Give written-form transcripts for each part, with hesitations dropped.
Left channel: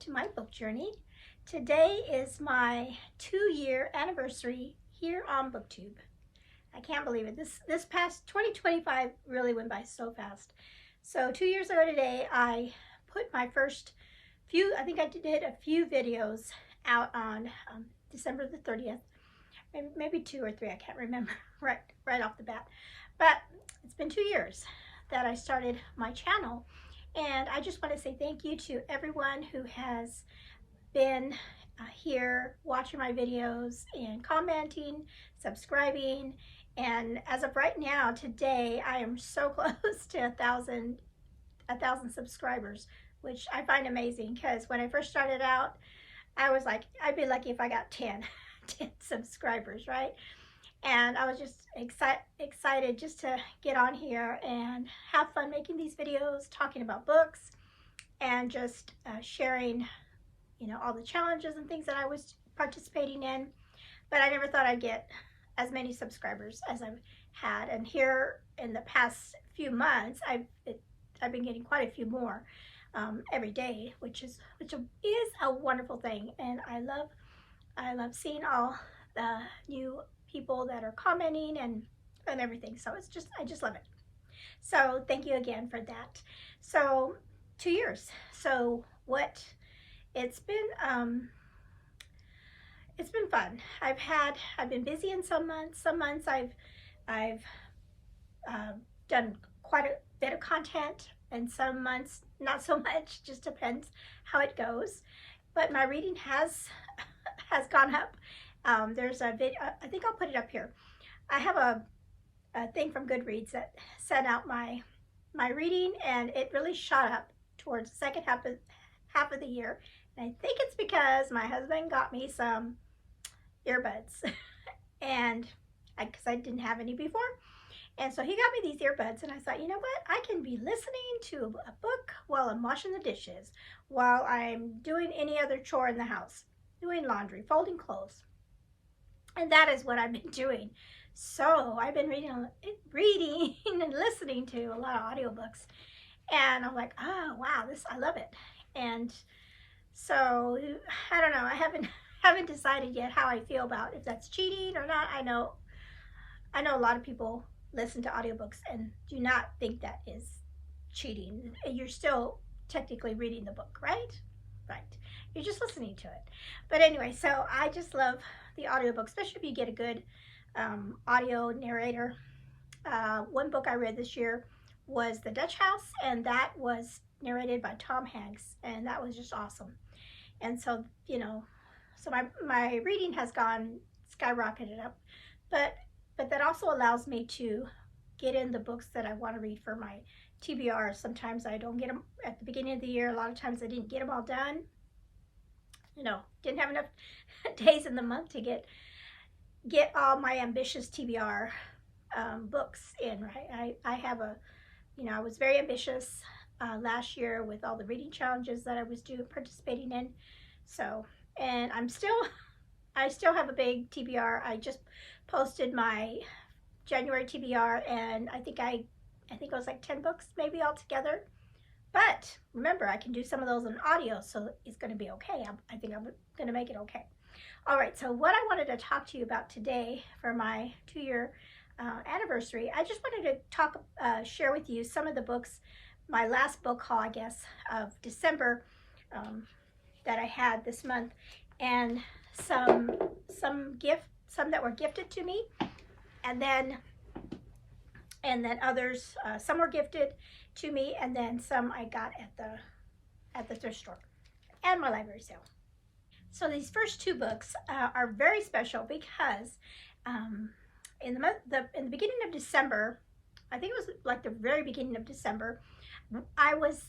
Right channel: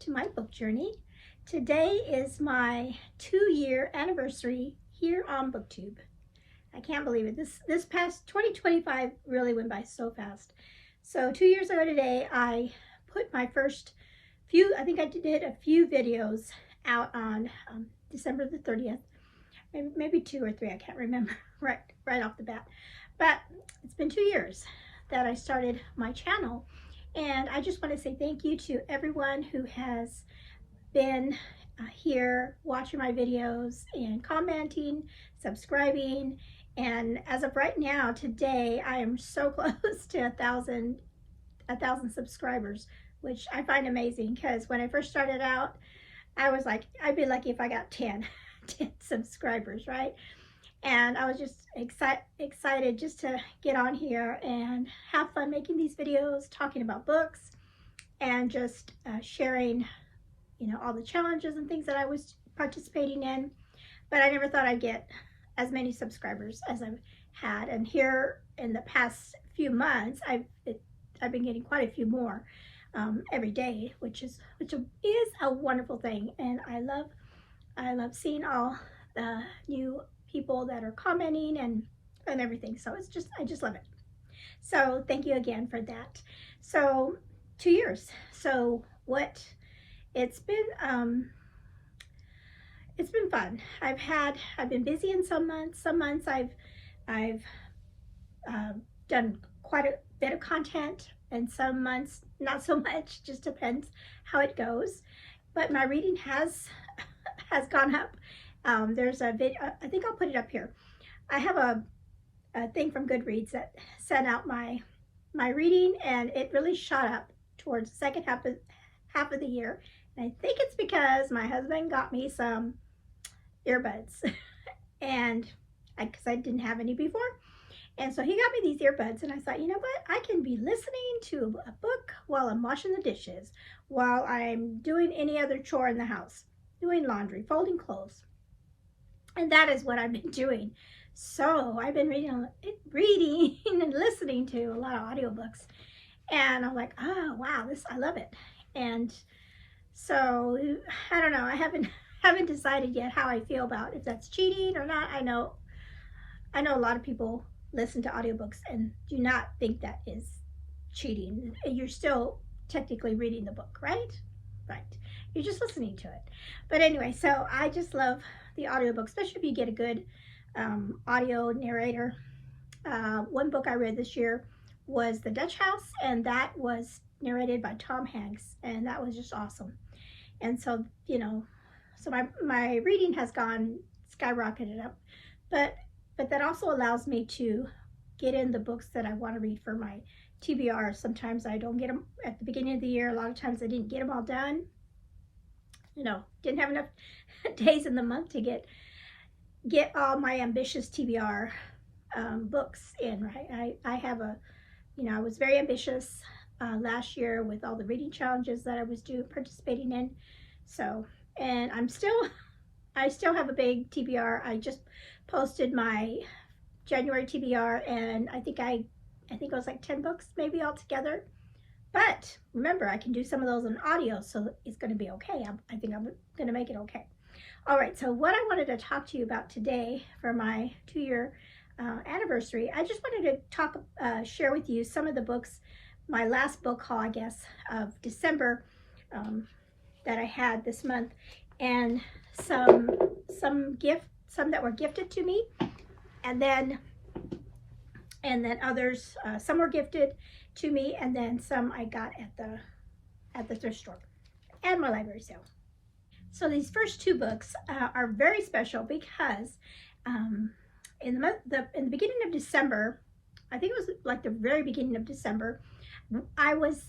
to my book journey. Today is my 2-year anniversary here on Booktube. I can't believe it. This past 2025 really went by so fast. So 2 years ago today, I put my first few, I think I did a few videos out on December the 30th. Maybe 2 or 3, I can't remember right off the bat. But it's been 2 years that I started my channel. And I just want to say thank you to everyone who has been here watching my videos and commenting, subscribing. And as of right now, today, I am so close to 1,000 subscribers, which I find amazing because when I first started out, I was like, I'd be lucky if I got 10 subscribers, right? And I was just excited just to get on here and have fun making these videos, talking about books, and just sharing, all the challenges and things that I was participating in. But I never thought I'd get as many subscribers as I've had. And here in the past few months, I've been getting quite a few more every day, which is a wonderful thing. And I love seeing all the new people that are commenting and everything. So I just love it. So thank you again for that. So 2 years. So it's been fun. I've been busy in some months. Some months I've done quite a bit of content, and some months not so much. Just depends how it goes. But my reading has gone up. There's a video, I think I'll put it up here. I have a thing from Goodreads that sent out my reading, and it really shot up towards the second half of the year. And I think it's because my husband got me some earbuds, and because I didn't have any before. And so he got me these earbuds, and I thought, you know what? I can be listening to a book while I'm washing the dishes, while I'm doing any other chore in the house, doing laundry, folding clothes. And that is what I've been doing. So I've been reading and listening to a lot of audiobooks. And I'm like, oh, wow, I love it. And so I don't know. I haven't decided yet how I feel about if that's cheating or not. I know a lot of people listen to audiobooks and do not think that is cheating. You're still technically reading the book, right? Right. You're just listening to it. But anyway, so I just love the audiobook, especially if you get a good audio narrator. One book I read this year was The Dutch House, and that was narrated by Tom Hanks, and that was just awesome. And so, so my reading has skyrocketed up, but that also allows me to get in the books that I want to read for my TBR. Sometimes I don't get them at the beginning of the year. A lot of times I didn't get them all done. Didn't have enough days in the month to get all my ambitious TBR books in, right? I have I was very ambitious last year with all the reading challenges that I was participating in. So, and I still have a big TBR. I just posted my January TBR, and I think it was like 10 books maybe altogether. But remember, I can do some of those in audio, so it's going to be okay. I think I'm going to make it okay. All right, so what I wanted to talk to you about today for my 2-year anniversary, I just wanted to share with you some of the books, my last book haul, I guess, of December that I had this month, and some that were gifted to me, and then others, some were gifted to me, and then some I got at the thrift store and my library sale. So these first 2 books are very special because in the beginning of December, I think it was like the very beginning of December, I was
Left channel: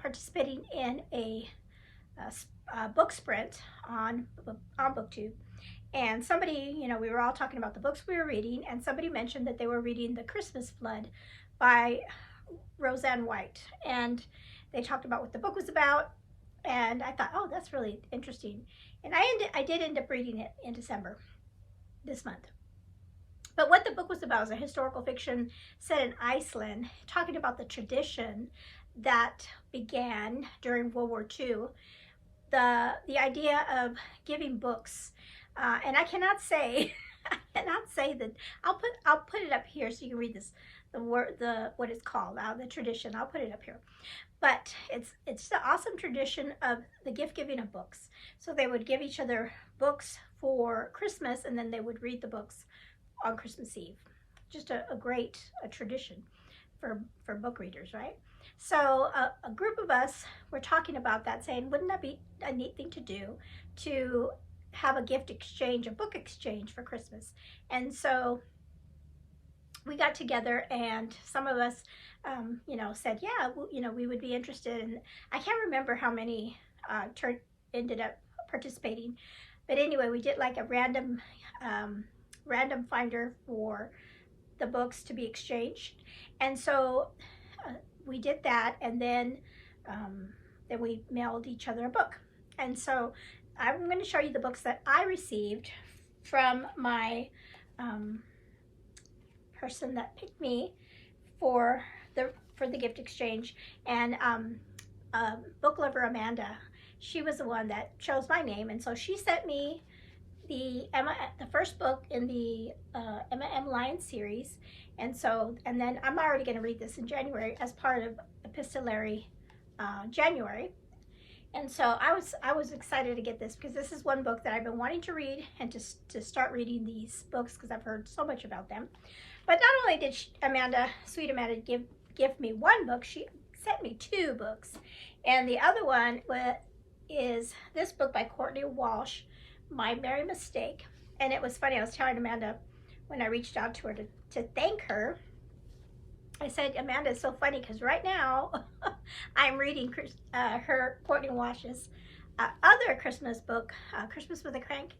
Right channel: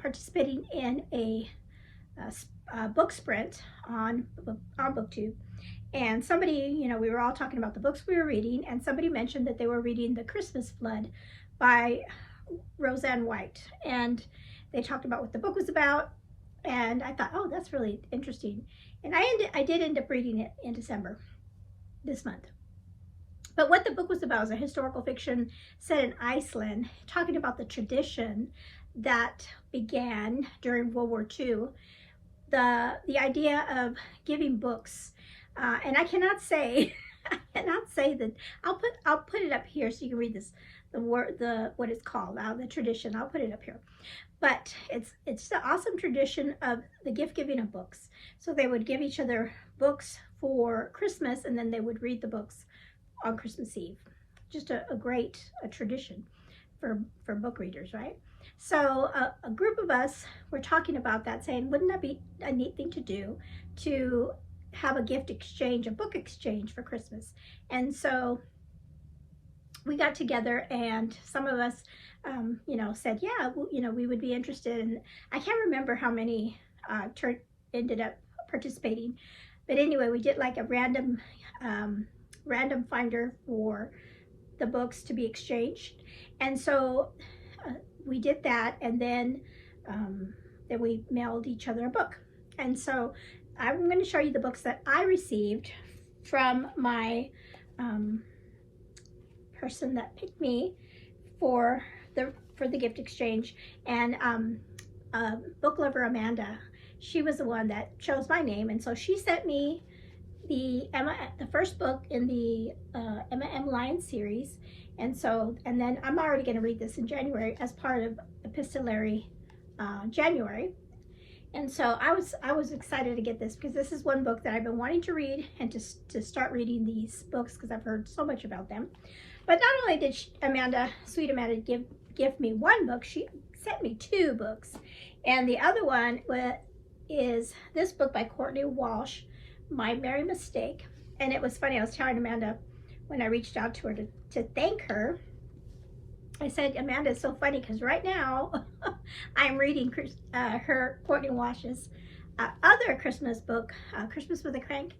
participating in a book sprint on Booktube. And somebody, we were all talking about the books we were reading, and somebody mentioned that they were reading The Christmas Flood by Roseanne White. And they talked about what the book was about, and I thought, oh, that's really interesting. And I did end up reading it in December, this month. But what the book was about was a historical fiction set in Iceland, talking about the tradition that began during World War II the idea of giving books, and I cannot say I cannot say that. I'll put it up here so you can read this, the what it's called, the tradition. I'll put it up here. But it's the awesome tradition of the gift giving of books. So they would give each other books for Christmas, and then they would read the books on Christmas Eve. Just a great tradition for book readers, right? So a group of us were talking about that, saying, wouldn't that be a neat thing to do, to have a gift exchange, a book exchange for Christmas? And so we got together, and some of us, you know, said, yeah, you know, we would be interested. And I can't remember how many ended up participating, but anyway, we did like a random finder for the books to be exchanged. And so we did that, and then we mailed each other a book. And so I'm going to show you the books that I received from my person that picked me for the gift exchange. And book lover Amanda, she was the one that chose my name, and so she sent me the first book in the Emma M. Lyons series. And then I'm already going to read this in January as part of Epistolary January. And so I was excited to get this, because this is one book that I've been wanting to read, and to start reading these books, because I've heard so much about them. But not only did sweet Amanda give me one book, she sent me two books. And the other one is this book by Courtney Walsh, My Merry Mistake. And it was funny, I was telling Amanda when I reached out to her to thank her, I said, Amanda, it's so funny, because right now I'm reading Courtney Walsh's other Christmas book, Christmas with a Crank.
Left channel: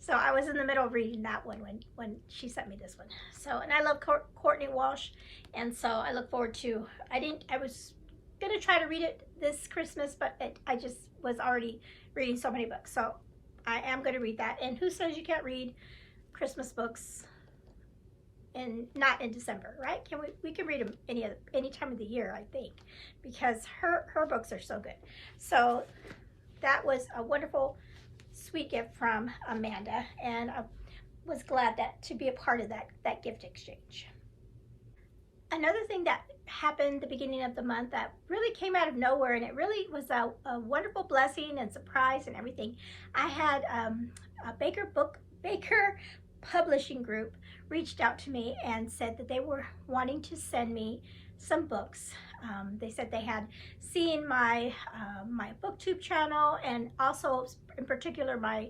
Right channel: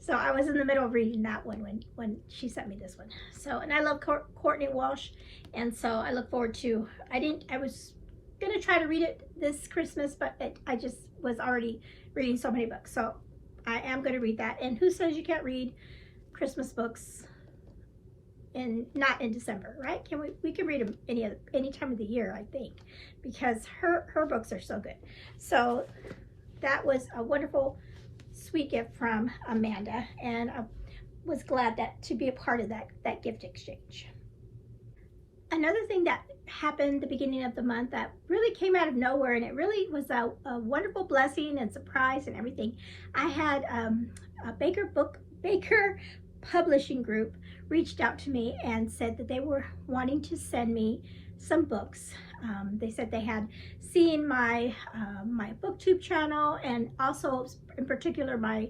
So I was in the middle of reading that one when she sent me this one. So, and I love Courtney Walsh, and so I look forward to, I was gonna try to read it this Christmas, but I just was already reading so many books. So I am gonna read that. And who says you can't read Christmas books not in December, right? We can read them any time of the year, I think, because her books are so good. So that was a wonderful, sweet gift from Amanda, and I was glad to be a part of that gift exchange. Another thing that happened the beginning of the month that really came out of nowhere, and it really was a wonderful blessing and surprise and everything. I had a Baker Publishing Group reached out to me and said that they were wanting to send me some books. They said they had seen my Booktube channel, and also in particular my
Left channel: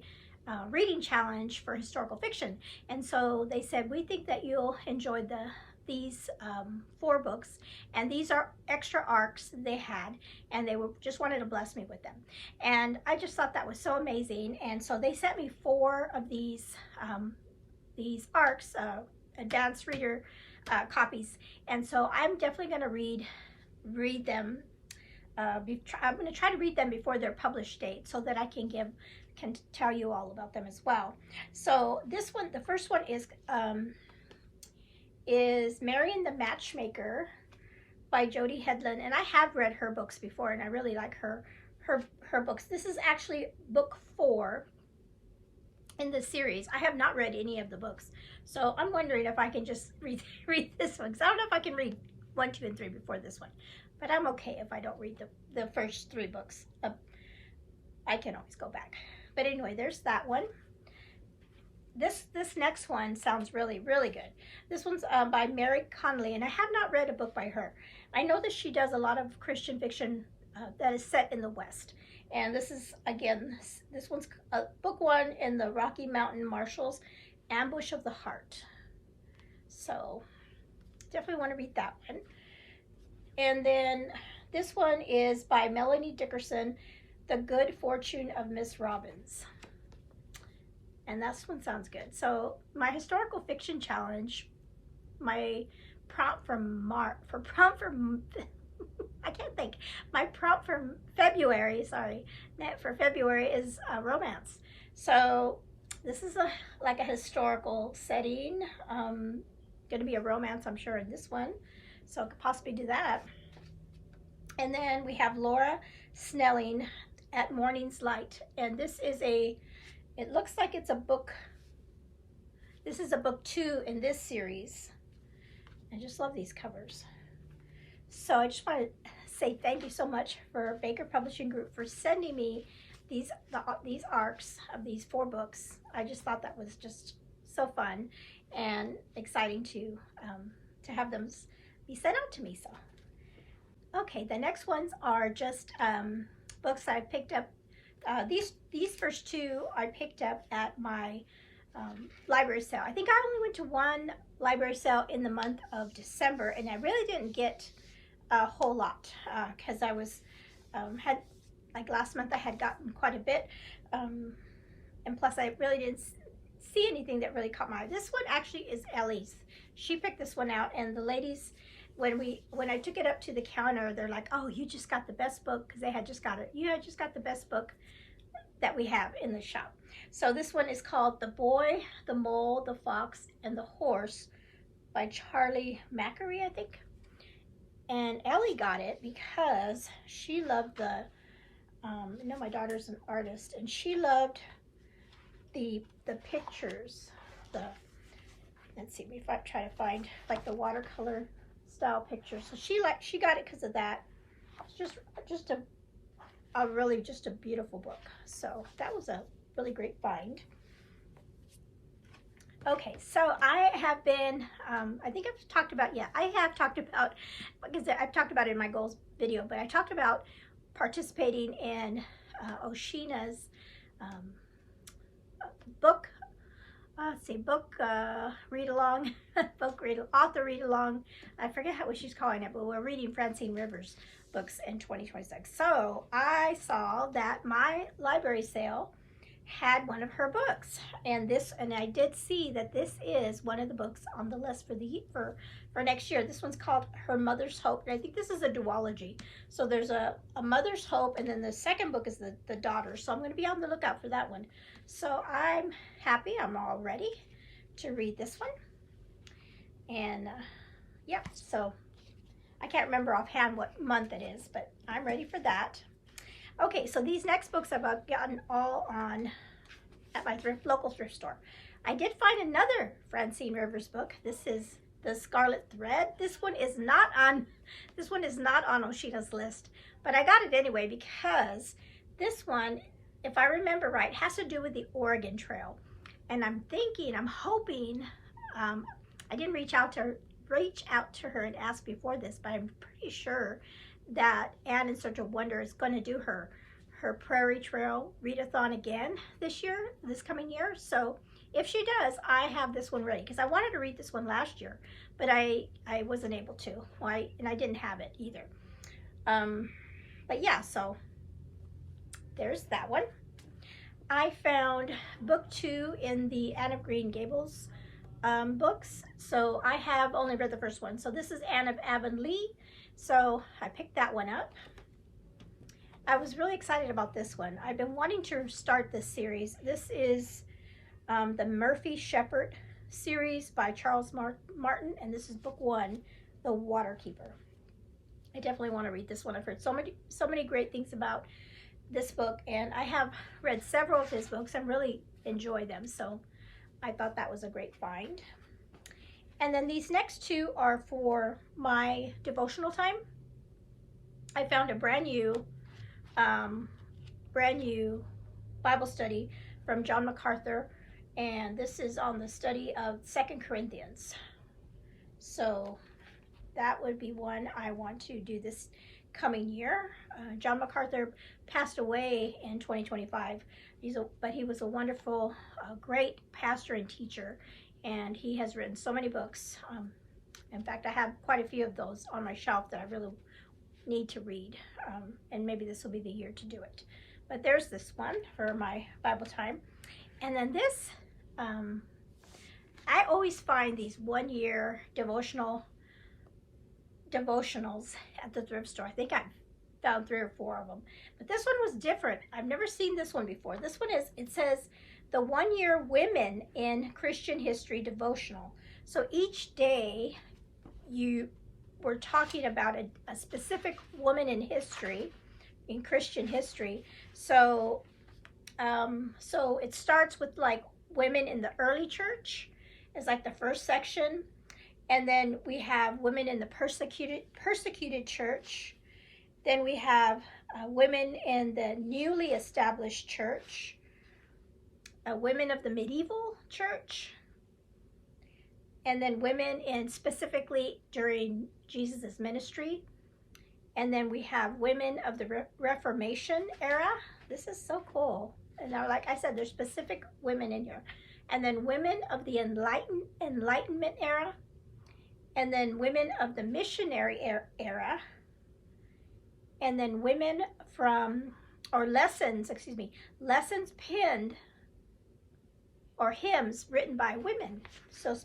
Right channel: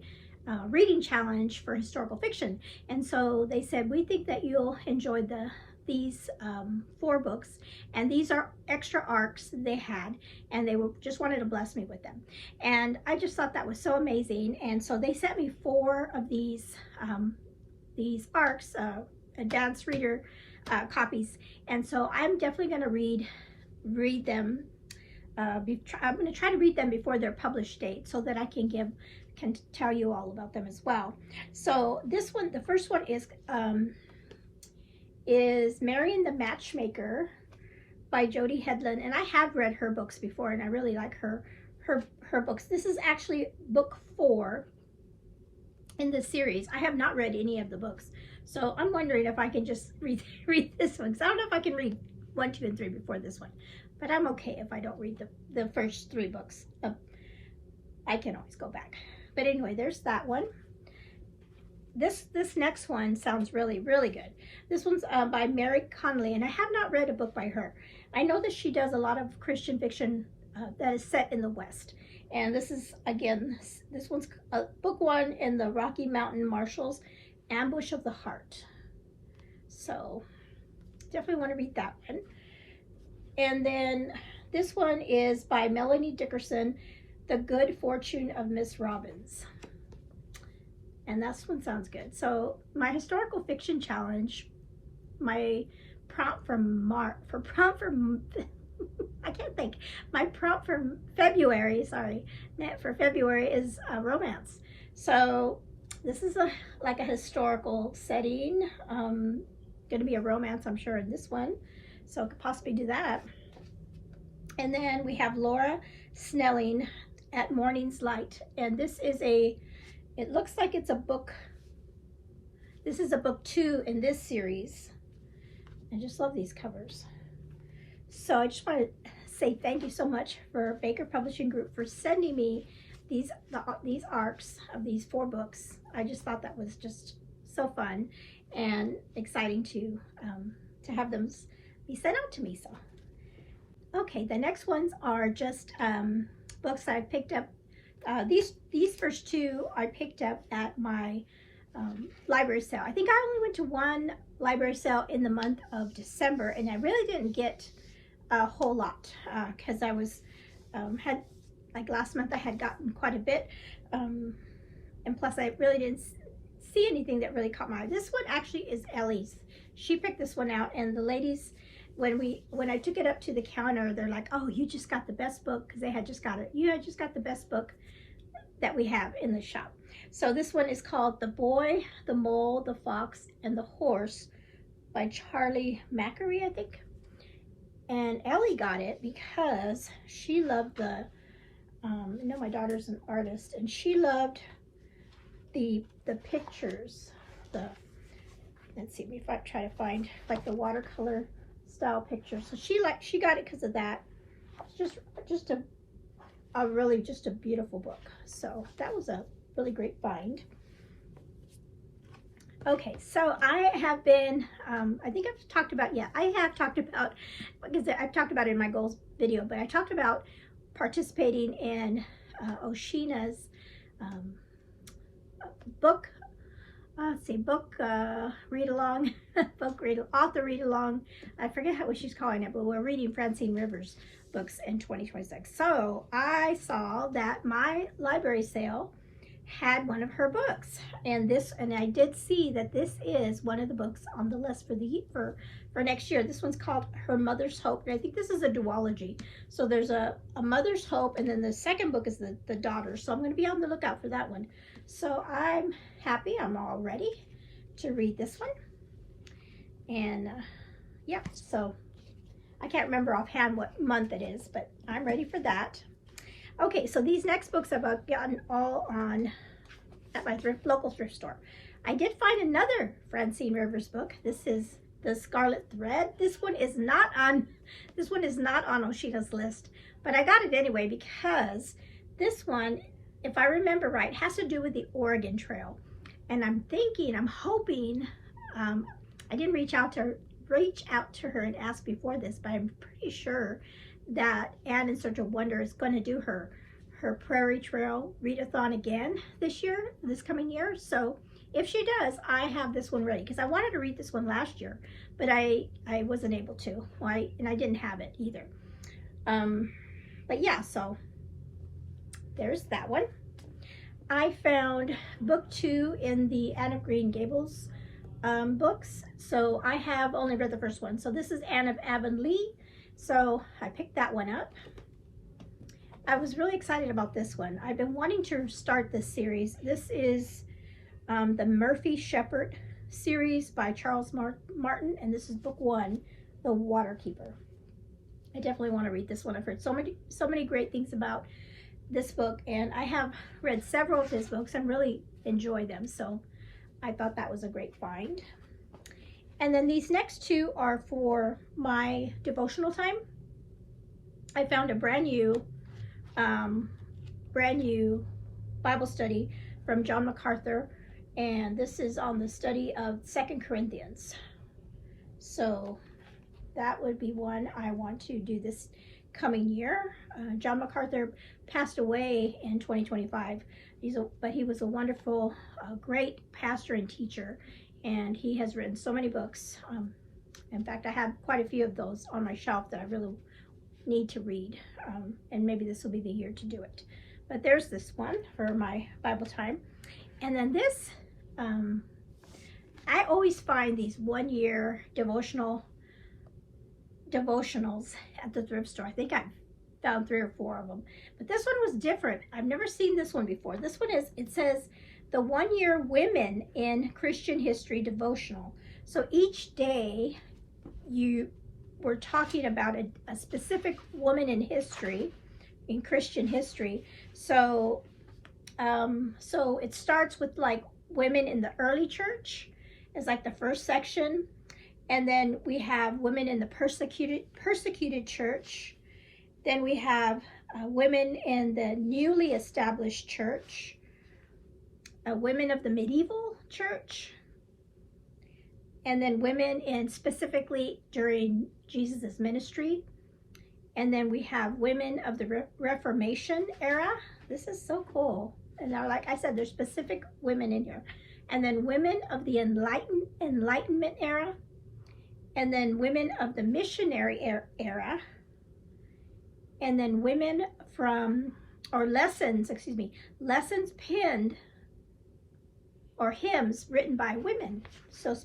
reading challenge for historical fiction. And so they said, we think that you'll enjoy these 4 books, and these are extra arcs they had, and they just wanted to bless me with them. And I just thought that was so amazing. And so they sent me 4 of these arcs, advanced reader copies. And so I'm definitely going to read them. I'm going to try to read them before their published date, so that I can tell you all about them as well. So this one, the first one is Marian the Matchmaker by Jody Headland, and I have read her books before, and I really like her books. This is actually book 4 in the series. I have not read any of the books, so I'm wondering if I can just read this one, because I don't know if I can read 1, 2, and 3 before this one, but I'm okay if I don't read the first 3 books. I can always go back. But anyway, there's that one. This next one sounds really, really good. This one's by Mary Connolly, and I have not read a book by her. I know that she does a lot of Christian fiction that is set in the West. And this is, again, this one's book 1 in the Rocky Mountain Marshals, Ambush of the Heart. So definitely want to read that one. And then this one is by Melanie Dickerson, The Good Fortune of Miss Robbins. And that one sounds good. So my historical fiction challenge, my prompt for I can't think. My prompt for February, for February is a romance. So this is like a historical setting. Going to be a romance, I'm sure, in this one. So I could possibly do that. And then we have Laura Snelling, at Morning's Light. And this is it looks like it's a book. This is a book 2 in this series. I just love these covers. So I just want to say thank you so much for Baker Publishing Group for sending me these arcs of these 4 books. I just thought that was just so fun and exciting to have them be sent out to me. So, okay, the next ones are just books I picked up. These first 2 I picked up at my library sale. I think I only went to one library sale in the month of December, and I really didn't get a whole lot because I was had, like last month I had gotten quite a bit, and plus I really didn't see anything that really caught my eye. This one actually is Ellie's. She picked this one out, and the ladies, when I took it up to the counter, they're like, "Oh, you just got the best book," because they had just got it. "You had just got the best book that we have in the shop." So this one is called The Boy, the Mole, the Fox, and the Horse by Charlie Macquarie, I think. And Ellie got it because she loved the, you know, my daughter's an artist, and she loved the pictures. Let's see if I try to find like the watercolor style pictures. So she got it because of that. It's just a really just a beautiful book. So that was a really great find. Okay, so I have been, I think I've talked about, I have talked about, because I've talked about it in my goals video, but I talked about participating in Oshina's book, read along, author read along. I forget what she's calling it, but we're reading Francine Rivers books in 2026. So I saw that my library sale had one of her books, and I did see that this is one of the books on the list for next year. This one's called Her Mother's Hope, and I think this is a duology. So there's a Mother's Hope, and then the second book is the daughter. So I'm going to be on the lookout for that one. So I'm happy. I'm all ready to read this one. And yeah, so I can't remember offhand what month it is, but I'm ready for that. Okay, so these next books I've gotten all at my local thrift store. I did find another Francine Rivers book. This is The Scarlet Thread. This one is not on Oshina's list, but I got it anyway because this one, if I remember right, has to do with the Oregon Trail. And I'm hoping, I didn't reach out to her and ask before this, but I'm pretty sure that Anne in Search of Wonder is going to do her Prairie Trail readathon again this coming year. So if she does, I have this one ready because I wanted to read this one last year, but I wasn't able to. And I didn't have it either. But yeah, so there's that one. I found book 2 in the Anne of Green Gables books. So I have only read the first one. So this is Anne of Avonlea. So I picked that one up. I was really excited about this one. I've been wanting to start this series. This is the Murphy Shepherd series by Charles Martin, and this is book 1, The Waterkeeper. I definitely want to read this one. I've heard so many great things about this book, and I have read several of his books and really enjoy them. So I thought that was a great find. And then these next 2 are for my devotional time. I found a brand new Bible study from John MacArthur, and this is on the study of 2 Corinthians. So that would be one I want to do this coming year. John MacArthur passed away in 2025, but he was a wonderful, great pastor and teacher. And he has written so many books. In fact, I have quite a few of those on my shelf that I really need to read. And maybe this will be the year to do it. But there's this one for my Bible time. And then this, I always find these one-year devotionals at the thrift store. I think I found 3 or 4 of them. But this one was different. I've never seen this one before. This one it says, the 1-year Women in Christian History devotional. So each day you were talking about a specific woman in history, in Christian history, So, so it starts with like women in the early church is like the first section. And then we have women in the persecuted church. Then we have women in the newly established church, women of the medieval church, and then women in specifically during Jesus's ministry. And then we have women of the Reformation era. This is so cool. And now, like I said, there's specific women in here. And then women of the Enlightenment era. And then women of the missionary era. And then women from, or lessons penned, or hymns written by women. So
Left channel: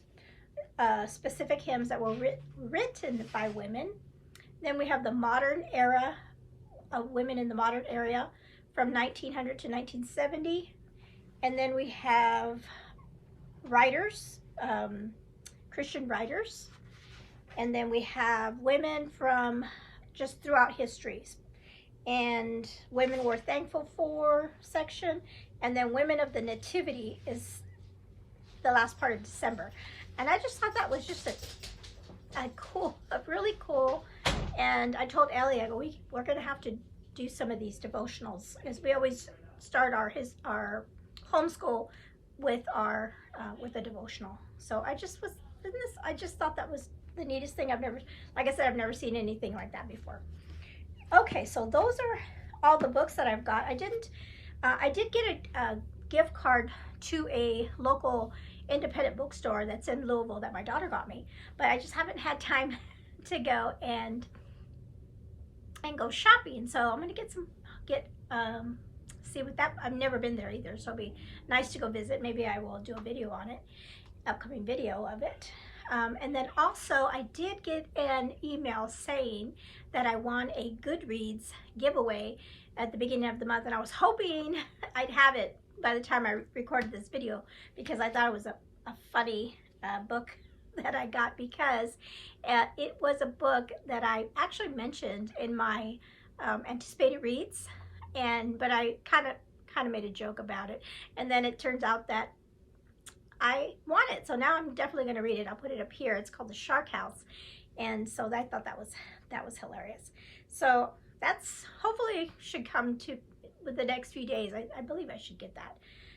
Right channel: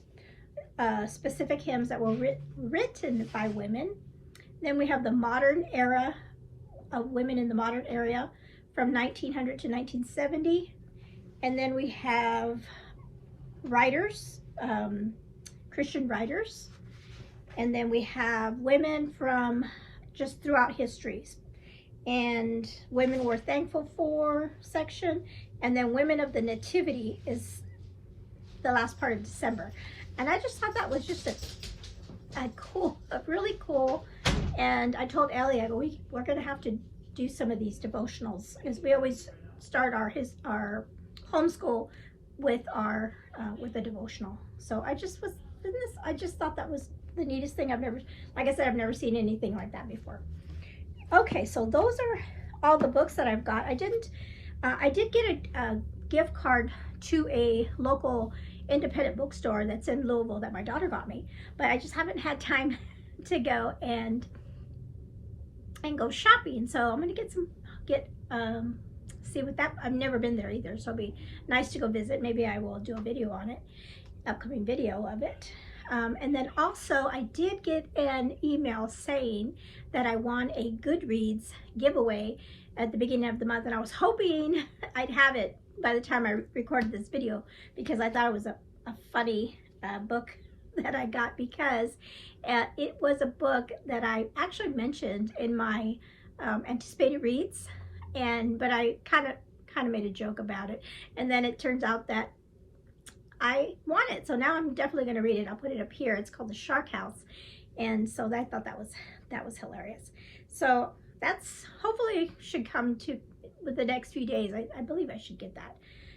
specific hymns that were written by women. Then we have the modern era of women in the modern era from 1900 to 1970. And then we have writers, Christian writers. And then we have women from just throughout histories. And women we're thankful for section. And then women of the nativity is the last part of December. And I just thought that was just a really cool. And I told Ellie, I go, we're going to have to do some of these devotionals, because we always start our homeschool with with a devotional. So I just thought that was the neatest thing. Like I said, I've never seen anything like that before. Okay, so those are all the books that I've got. I did get a gift card to a local independent bookstore that's in Louisville that my daughter got me, but I just haven't had time to go and go shopping. So I'm gonna see what that, I've never been there either, so it'll be nice to go visit. Maybe I will do a video on it, upcoming video of it. And then also I did get an email saying that I won a Goodreads giveaway at the beginning of the month, and I was hoping I'd have it by the time I recorded this video, because I thought it was a funny book that I got, because it was a book that I actually mentioned in my anticipated reads, but I kind of made a joke about it, and then it turns out that I want it. So now I'm definitely going to read it. I'll put it up here. It's called The Shark House, and so I thought that was hilarious. So that's hopefully should come to with the next few days. I believe I should get that.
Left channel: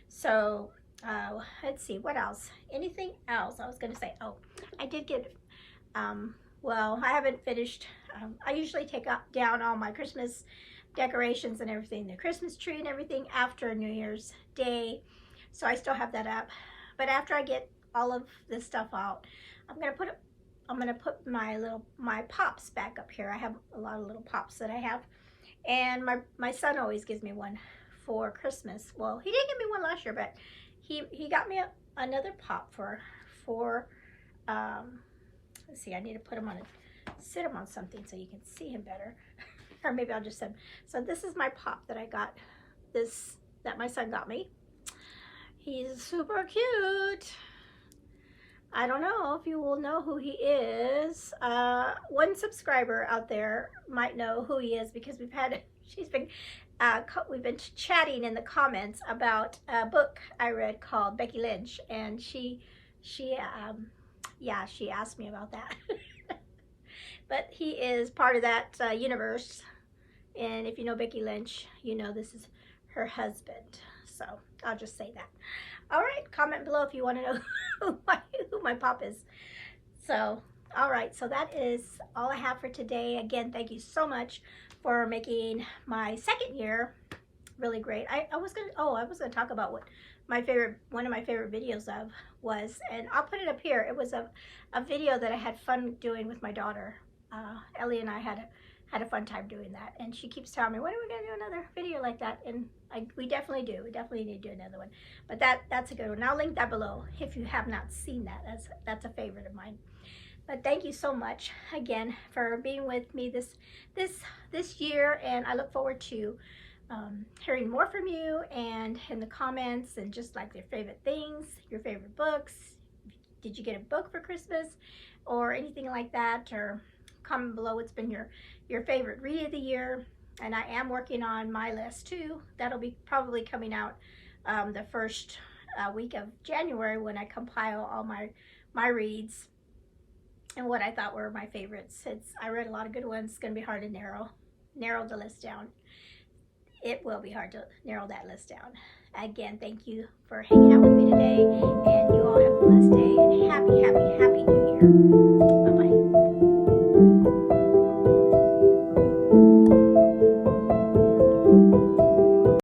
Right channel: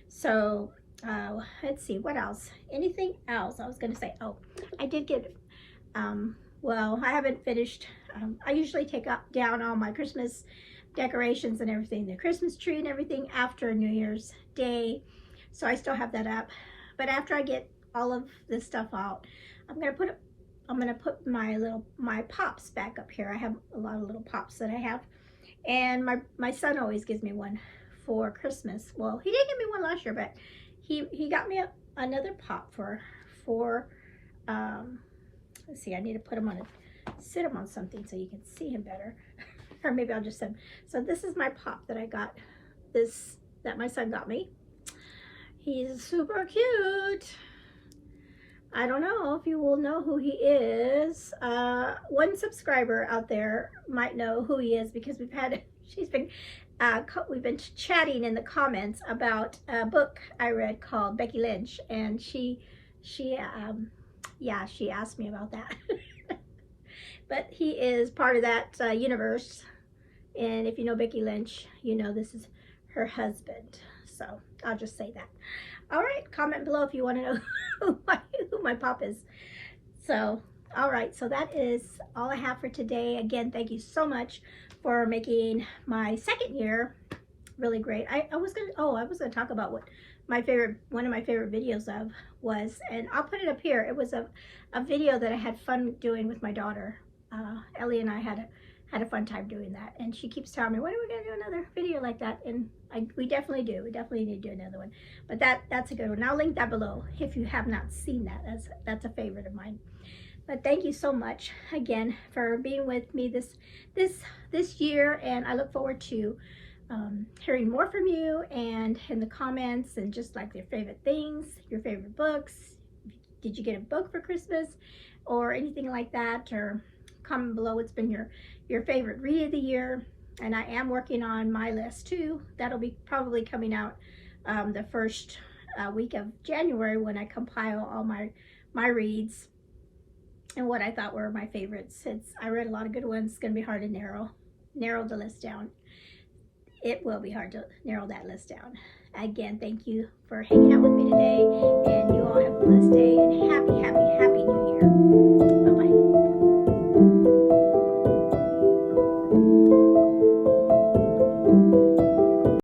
So let's see, what else? Anything else I was going to say? Oh, I did get, well, I haven't finished. I usually take down all my Christmas decorations and everything, the Christmas tree and everything, after New Year's Day. So I still have that up. But after I get all of this stuff out, I'm gonna put my pops back up here. I have a lot of little pops that I have, and my son always gives me one for Christmas. Well, he didn't give me one last year, but he got me another pop for let's see, I need to put him on sit him on something so you can see him better. Or maybe I'll just send. So this is my pop that I got, that my son got me. He's super cute. I don't know if you will know who he is. One subscriber out there might know who he is, because we've been chatting in the comments about a book I read called Becky Lynch, and she asked me about that. But he is part of that universe, and if you know Becky Lynch, you know this is her husband. So I'll just say that. All right, comment below if you want to know who my pop is. So, all right, so that is all I have for today. Again, thank you so much for making my second year really great. I was gonna talk about what one of my favorite videos was, and I'll put it up here. It was a video that I had fun doing with my daughter. Ellie and I had a fun time doing that, and she keeps telling me, when are we going to do another video like that? And we definitely do. We definitely need to do another one. But that's a good one. I'll link that below if you have not seen that. That's a favorite of mine. But thank you so much again for being with me this year, and I look forward to hearing more from you, and in the comments, and just like your favorite things, your favorite books. Did you get a book for Christmas or anything like that? Or comment below what's been your favorite read of the year. And I am working on my list too. That'll be probably coming out the first week of January, when I compile all my reads and what I thought were my favorites. I read a lot of good ones. It's going to be hard to narrow the list down. It will be hard to narrow that list down. Again, thank you for hanging out with me today, and you all have a blessed day.